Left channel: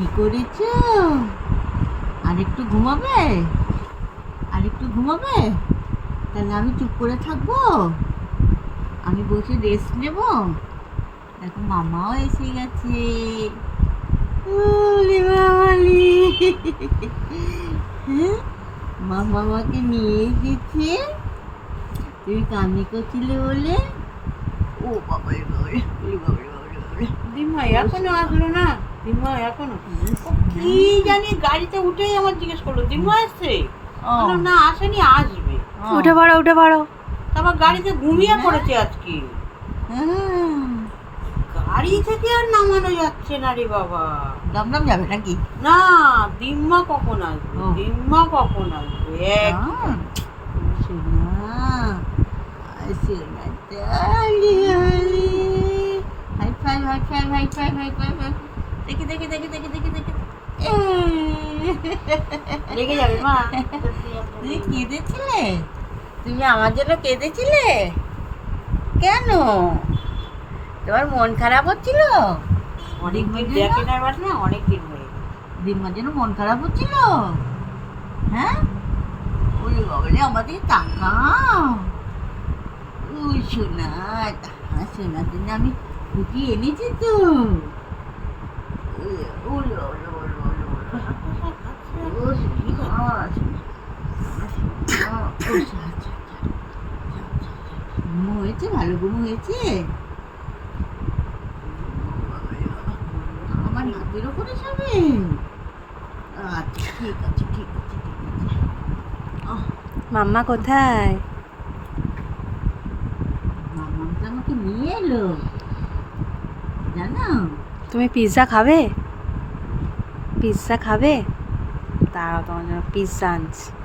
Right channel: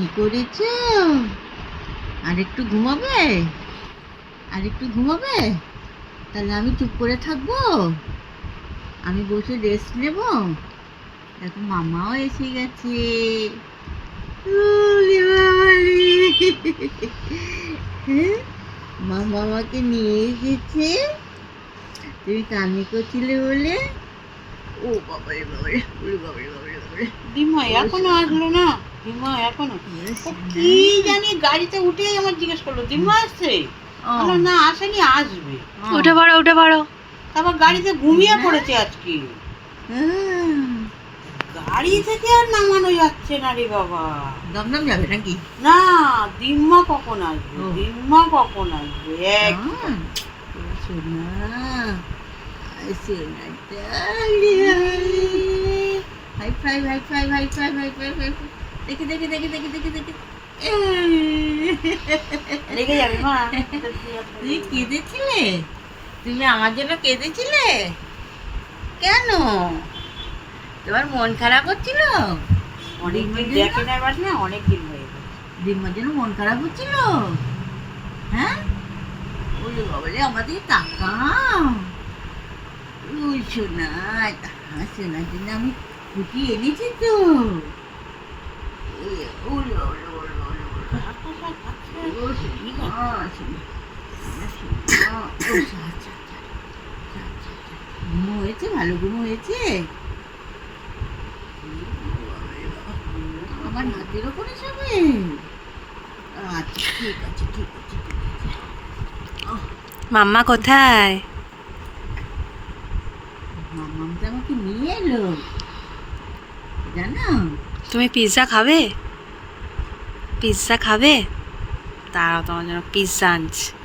কি করেছ? আর একটু ঘুমাবে? আর একটু ঘুমাবে? তাহলে আমি চুপ করে থাকব? আমি বসে রেস্ট নেব? দেখো মামাও এসে গেছে। হ্যাঁ? মামা আমাকে নিয়ে গেছে তুমি কামি করছিলে বলে? ও বাবারে বাবারে ওরে বাবারে বাবারে বাবারে। দিমা এখনও আসলো না? দিমা এখনও? কি জানি গাড়িতে উঠেই আমার জিজ্ঞেস করল দিমা আসছে না আসেনি আসবে। উঠে পড়ো উঠে পড়ো। তারপর গাড়িতে ঘুমিয়ে পড়েছে আজকে। গাড়ি থেকে আর নামানো যাচ্ছে না রে বাবা। দমদম যাবে নাকি? না দিম্মা কখন আসবে। দিম্মা কখন আসবে? এক। High five high five high five high five high five. দেখি দেখি দেখি দেখি দেখি দেখি। রেগে যাবে মা। তুমি কেঁদেছিলে? তুমি আমার জন্য কেঁদেছিলে? কেন? তোমার মন খারাপ হচ্ছিল? অনেক দেখে না না অনেক দিন হয়ে। জন্য মন খারাপ হচ্ছিল? হ্যাঁ? ওরে বাবারে আমাদের টাকা ওই সোনা টাকা সোনার জন্য আমি খুঁটি এনেছি তো। ঘুমো হয়েছে ভালো ঘুমো হয়েছে আমার হাতের ওপরে যাবে আচ্ছা ঠিক আছে ঠিক আছে মাম্মা কোথায়? মামাম আমাকে নিয়ে এলো। জানো? তুমি পিৎজা খাবে? পিৎজা খাবে? তারাও তোমার জন্য পিৎজা আনছি।